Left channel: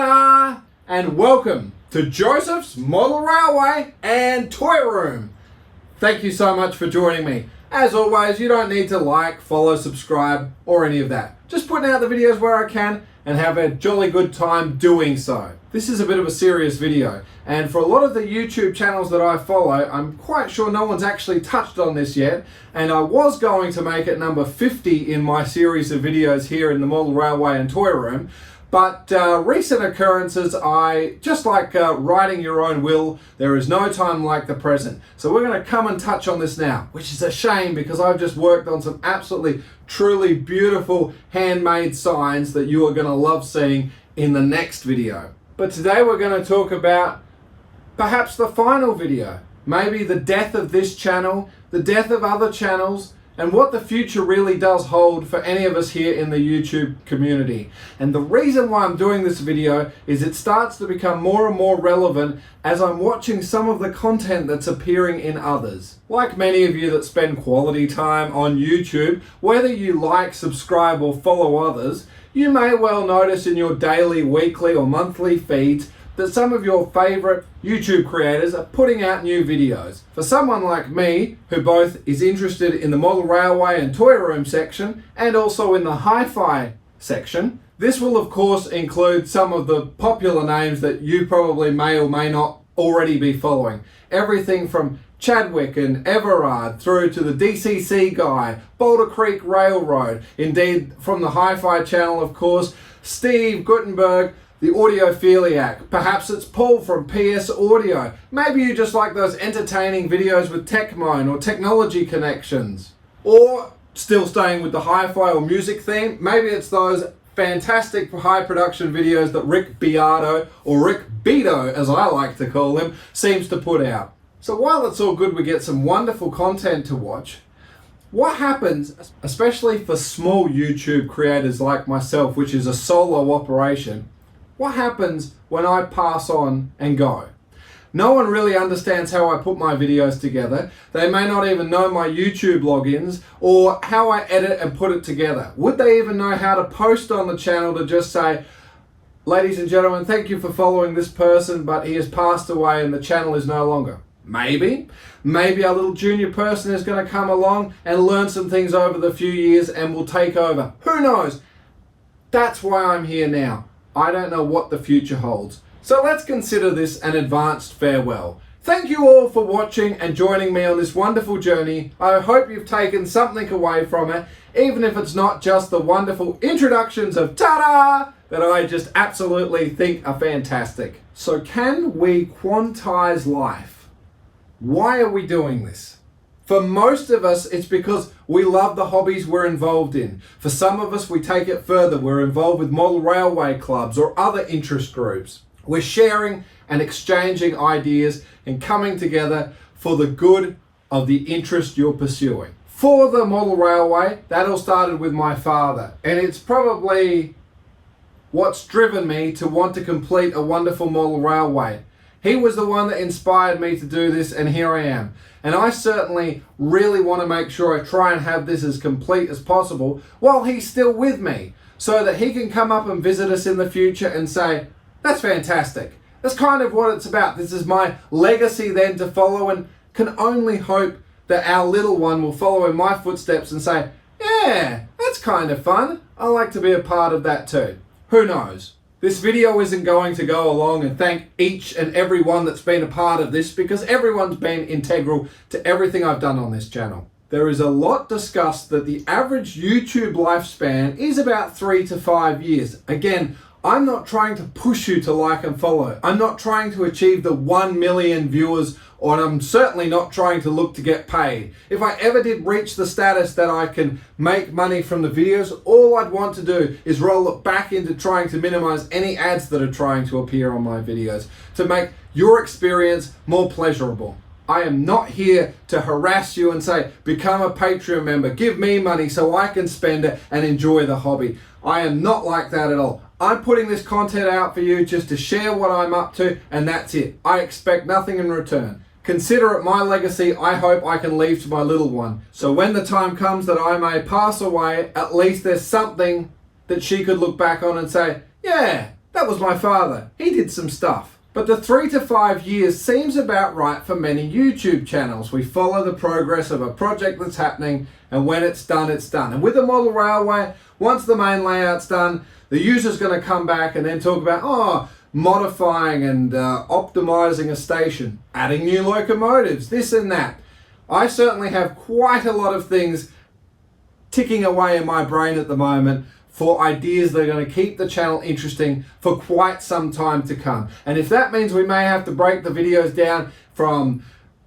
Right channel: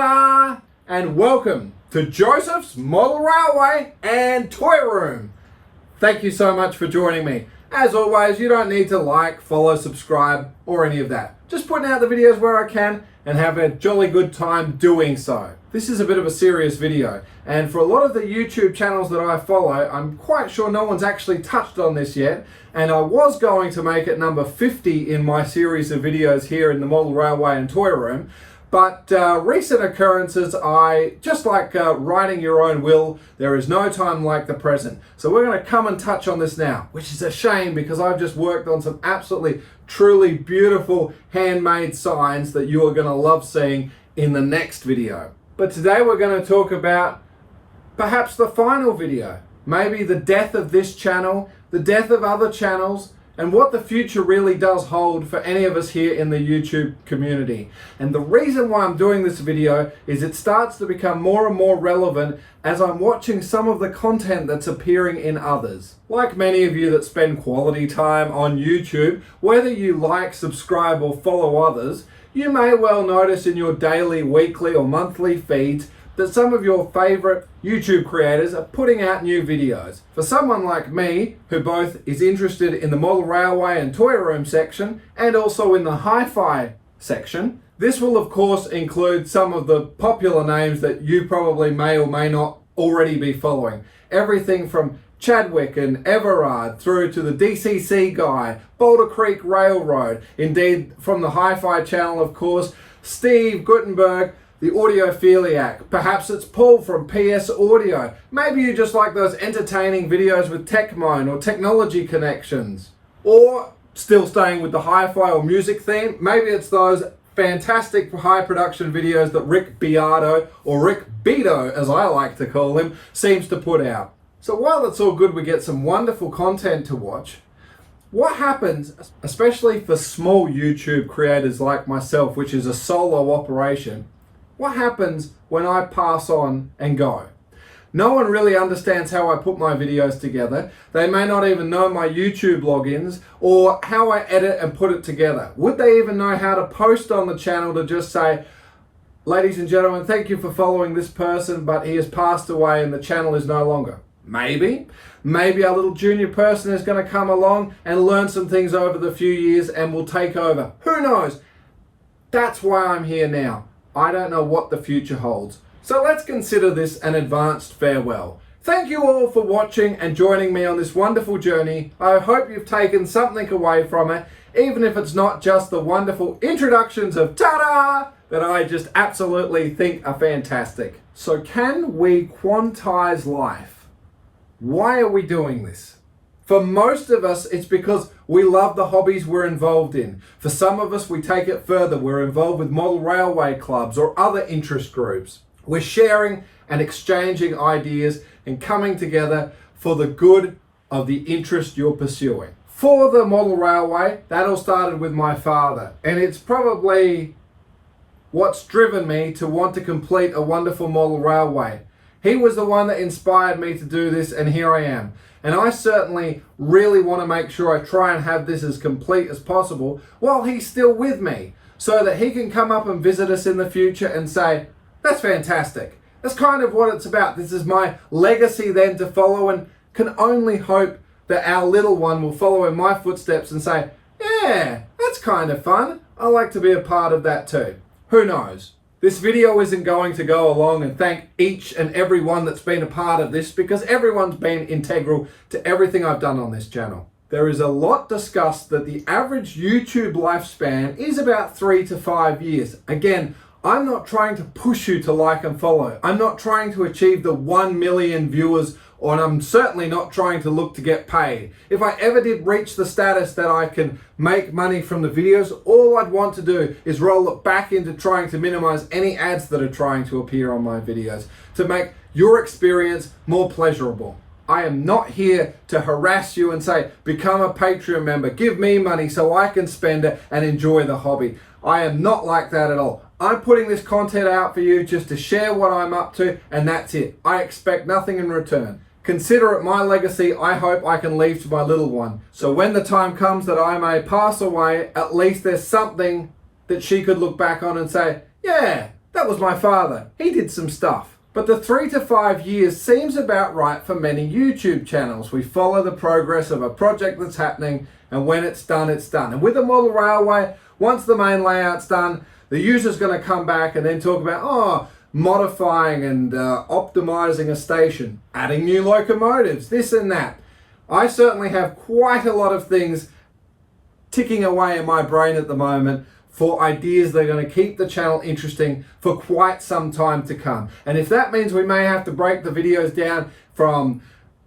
Ta-da! And welcome to Joseph's Model Railway and Toy Room. Thank you so much for joining me. As always, you don't need to like, follow, subscribe, or any of that. Just putting out the videos where I can and have a jolly good time doing so. This is a bit of a serious video, and for a lot of the YouTube channels that I follow, I'm quite sure no one's actually touched on this yet, and I was going to make it number 50 in my series of videos here in the Model Railway and Toy Room. But recent occurrences, just like writing your own will, there is no time like the present. So we're going to come and touch on this now, which is a shame because I've just worked on some absolutely, truly beautiful handmade signs that you are going to love seeing in the next video. But today we're going to talk about perhaps the final video, maybe the death of this channel, the death of other channels, and what the future really does hold for any of us here in the YouTube community. And the reason why I'm doing this video is it starts to become more and more relevant as I'm watching some of the content that's appearing in others. Like many of you that spend quality time on YouTube, whether you like, subscribe, or follow others, you may well notice in your daily, weekly, or monthly feeds that some of your favorite YouTube creators are putting out new videos. For someone like me, who both is interested in the Model Railway and Toy Room section, and also in the Hi-Fi section, this will of course include some of the popular names that you probably may or may not already be following. Everything from Chadwick and Everard through to the DCC guy, Boulder Creek Railroad, indeed from the Hi-Fi channel of course, Steve Guttenberg, the Audiophiliac. Perhaps it's Paul from PS Audio. Maybe you just like those entertaining videos with Techmoan or Technology Connections. Or, still staying with the hi-fi or music theme, maybe it's those fantastic high production videos that Rick Beato, or Rick Beato as I like to call him, seems to put out. So while it's all good we get some wonderful content to watch, what happens, especially for small YouTube creators like myself, which is a solo operation, what happens when I pass on and go? No one really understands how I put my videos together. They may not even know my YouTube logins or how I edit and put it together. Would they even know how to post on the channel to just say, ladies and gentlemen, thank you for following this person, but he has passed away and the channel is no longer? Maybe. Maybe a little junior person is going to come along and learn some things over the few years and will take over. Who knows? That's why I'm here now. I don't know what the future holds. So let's consider this an advanced farewell. Thank you all for watching and joining me on this wonderful journey. I hope you've taken something away from it, even if it's not just the wonderful introductions of ta-da that I just absolutely think are fantastic. So can we quantize life? Why are we doing this? For most of us, it's because we love the hobbies we're involved in. For some of us, we take it further. We're involved with model railway clubs or other interest groups. We're sharing and exchanging ideas and coming together for the good of the interest you're pursuing. For the model railway, that all started with my father, and it's probably what's driven me to want to complete a wonderful model railway. He was the one that inspired me to do this, and here I am. And I certainly really want to make sure I try and have this as complete as possible while he's still with me, so that he can come up and visit us in the future and say, that's fantastic. That's kind of what it's about. This is my legacy then to follow, and can only hope that our little one will follow in my footsteps and say, yeah, that's kind of fun. I like to be a part of that too. Who knows? This video isn't going to go along and thank each and every one that's been a part of this, because everyone's been integral to everything I've done on this channel. There is a lot discussed that the average YouTube lifespan is about 3 to 5 years. Again, I'm not trying to push you to like and follow. I'm not trying to achieve the 1 million viewers, or I'm certainly not trying to look to get paid. If I ever did reach the status that I can make money from the videos, all I'd want to do is roll it back into trying to minimize any ads that are trying to appear on my videos to make your experience more pleasurable. I am not here to harass you and say, become a Patreon member, give me money so I can spend it and enjoy the hobby. I am not like that at all. I'm putting this content out for you just to share what I'm up to, and that's it. I expect nothing in return. Consider it my legacy I hope I can leave to my little one. So when the time comes that I may pass away, at least there's something that she could look back on and say, yeah, That was my father. He did some stuff. But the 3 to 5 years seems about right for many YouTube channels. We follow the progress of a project that's happening, and when it's done, it's done. And with the model railway, once the main layout's done, the user's going to come back and then talk about, modifying and optimizing a station, adding new locomotives, this and that. I certainly have quite a lot of things ticking away in my brain at the moment for ideas that are going to keep the channel interesting for quite some time to come. And if that means we may have to break the videos down from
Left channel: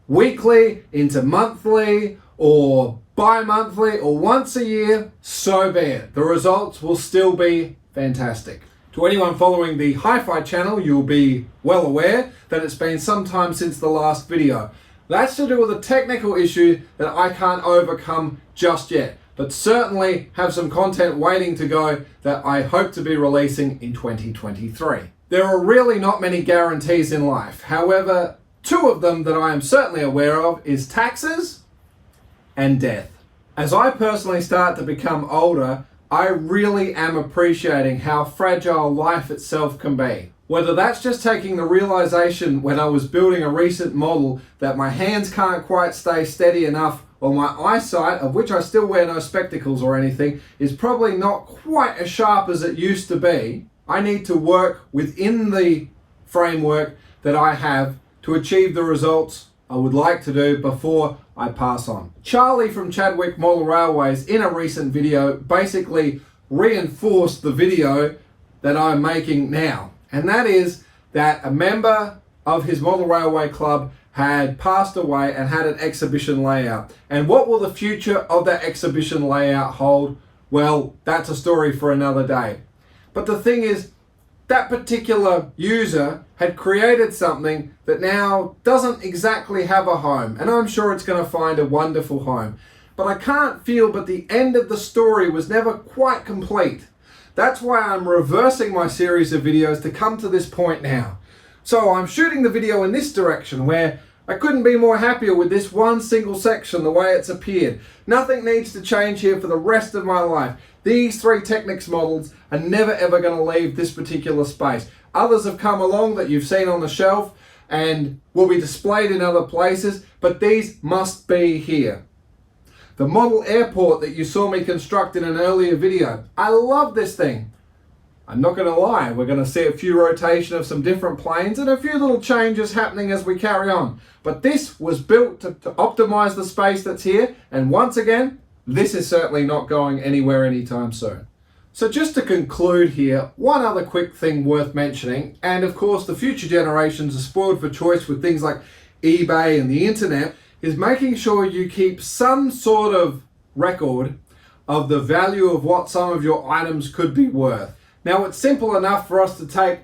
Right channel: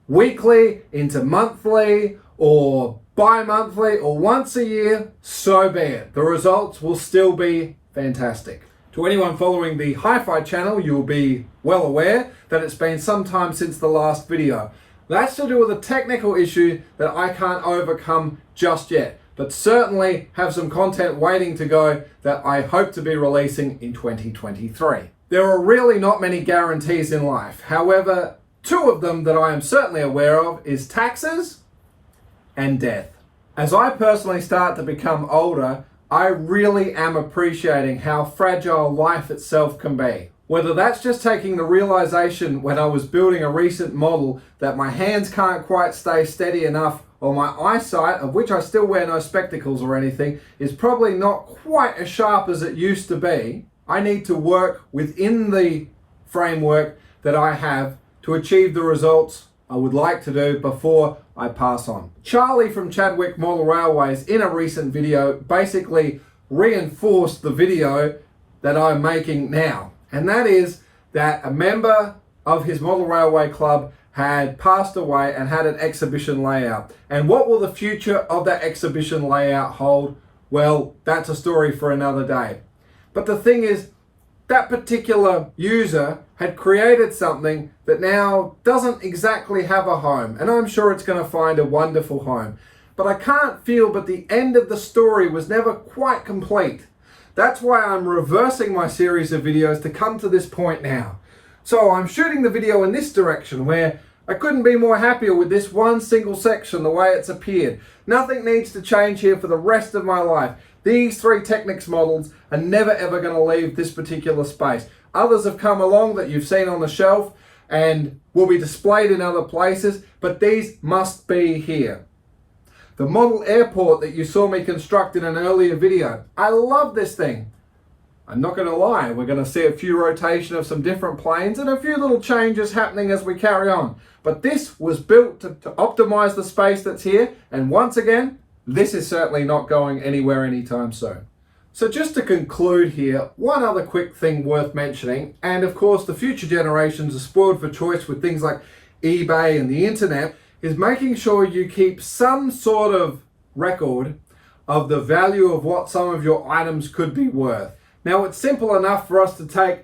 weekly into monthly or bi-monthly or once a year, so be it. The results will still be fantastic. To anyone following the Hi-Fi channel, you'll be well aware that it's been some time since the last video. That's to do with a technical issue that I can't overcome just yet, but certainly have some content waiting to go that I hope to be releasing in 2023. There are really not many guarantees in life. However, two of them that I am certainly aware of is taxes and death. As I personally start to become older, I really am appreciating how fragile life itself can be. Whether that's just taking the realization when I was building a recent model that my hands can't quite stay steady enough, or my eyesight, of which I still wear no spectacles or anything, is probably not quite as sharp as it used to be. I need to work within the framework that I have to achieve the results I would like to do before I pass on. Charlie from Chadwick Model Railways in a recent video basically reinforced the video that I'm making now. And that is that a member of his model railway club had passed away and had an exhibition layout. And what will the future of that exhibition layout hold? Well, that's a story for another day. But the thing is, that particular user had created something that now doesn't exactly have a home, and I'm sure it's going to find a wonderful home. But I can't feel but the end of the story was never quite complete. That's why I'm reversing my series of videos to come to this point now. So I'm shooting the video in this direction where I couldn't be more happier with this one single section, the way it's appeared. Nothing needs to change here for the rest of my life. These 3 Technics models are never ever going to leave this particular space. Others have come along that you've seen on the shelf and will be displayed in other places, but these must be here. The model airport that you saw me construct in an earlier video. I love this thing. I'm not going to lie, we're going to see a few rotation of some different planes and a few little changes happening as we carry on. But this was built to optimize the space that's here, and once again, this is certainly not going anywhere anytime soon. So just to conclude here, one other quick thing worth mentioning, and of course the future generations are spoiled for choice with things like eBay and the internet, is making sure you keep some sort of record of the value of what some of your items could be worth. Now it's simple enough for us to take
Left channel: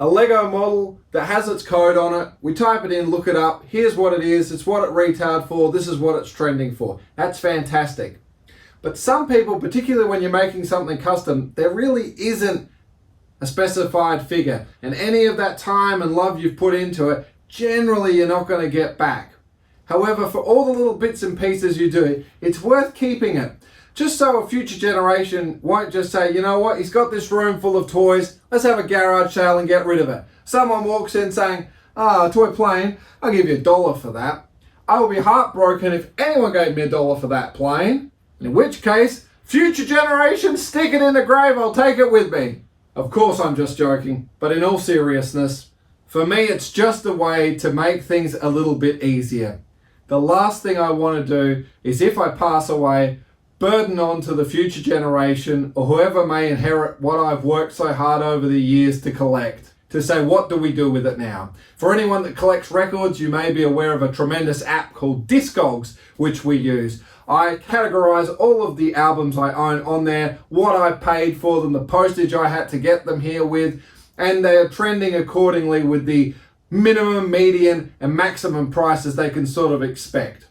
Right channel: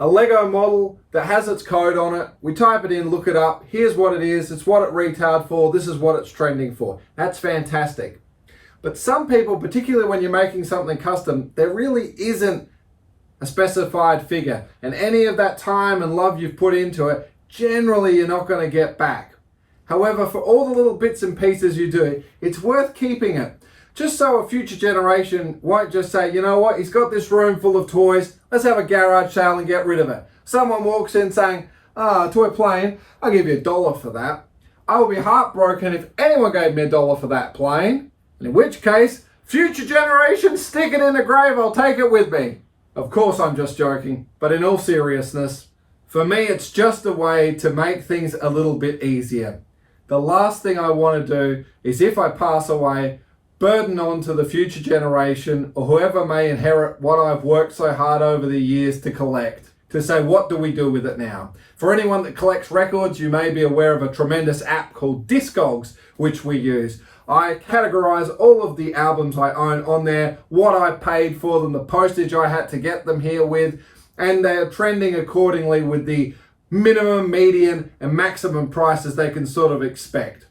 a Lego model that has its code on it, we type it in, look it up, here's what it is, it's what it retailed for, this is what it's trending for. That's fantastic. But some people, particularly when you're making something custom, there really isn't a specified figure. And any of that time and love you've put into it, generally you're not going to get back. However, for all the little bits and pieces you do, it's worth keeping it. Just so a future generation won't just say, you know what, he's got this room full of toys, let's have a garage sale and get rid of it. Someone walks in saying, a toy plane, I'll give you $1 for that. I will be heartbroken if anyone gave me $1 for that plane. In which case, future generations, stick it in the grave, I'll take it with me. Of course I'm just joking, but in all seriousness, for me it's just a way to make things a little bit easier. The last thing I want to do is, if I pass away, burden on to the future generation or whoever may inherit what I've worked so hard over the years to collect, to say, what do we do with it now? For anyone that collects records, you may be aware of a tremendous app called Discogs, which we use. I categorize all of the albums I own on there, what I paid for them, the postage I had to get them here with, and they are trending accordingly with the minimum, median, and maximum prices they can sort of expect.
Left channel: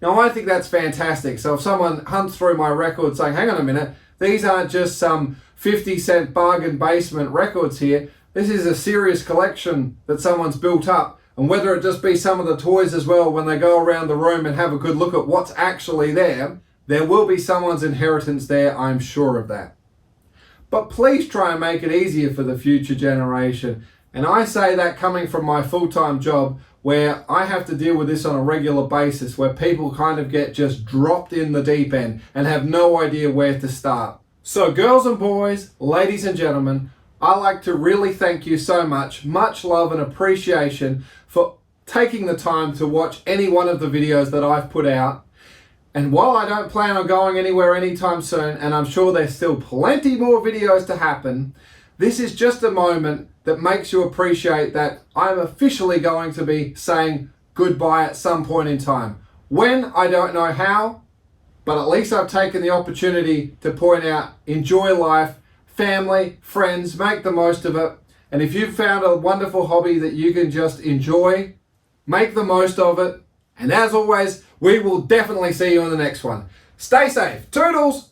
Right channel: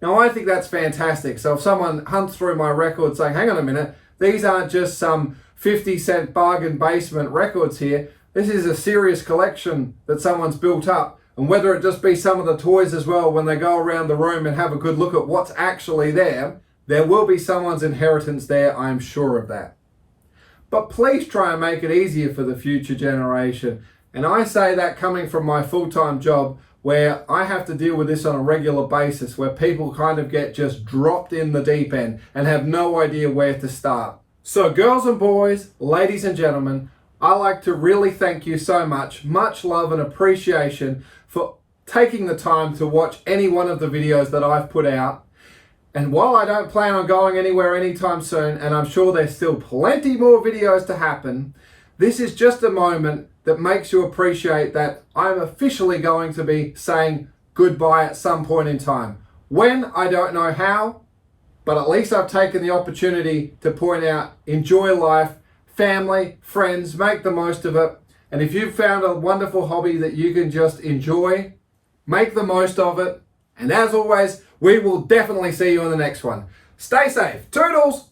Now, I think that's fantastic. So if someone hunts through my records saying, hang on a minute, these aren't just some 50-cent bargain basement records here. This is a serious collection that someone's built up. And whether it just be some of the toys as well, when they go around the room and have a good look at what's actually there, there will be someone's inheritance there, I'm sure of that. but please try and make it easier for the future generation. And I say that coming from my full-time job, where I have to deal with this on a regular basis, where people kind of get just dropped in the deep end and have no idea where to start. So girls and boys, ladies and gentlemen, I like to really thank you so much. Much love and appreciation for taking the time to watch any one of the videos that I've put out. And while I don't plan on going anywhere anytime soon, and I'm sure there's still plenty more videos to happen, this is just a moment that makes you appreciate that I'm officially going to be saying goodbye at some point in time. When, I don't know how, but at least I've taken the opportunity to point out, enjoy life, family, friends, make the most of it. And if you've found a wonderful hobby that you can just enjoy, make the most of it. And as always, we will definitely see you in the next one. Stay safe. Toodles!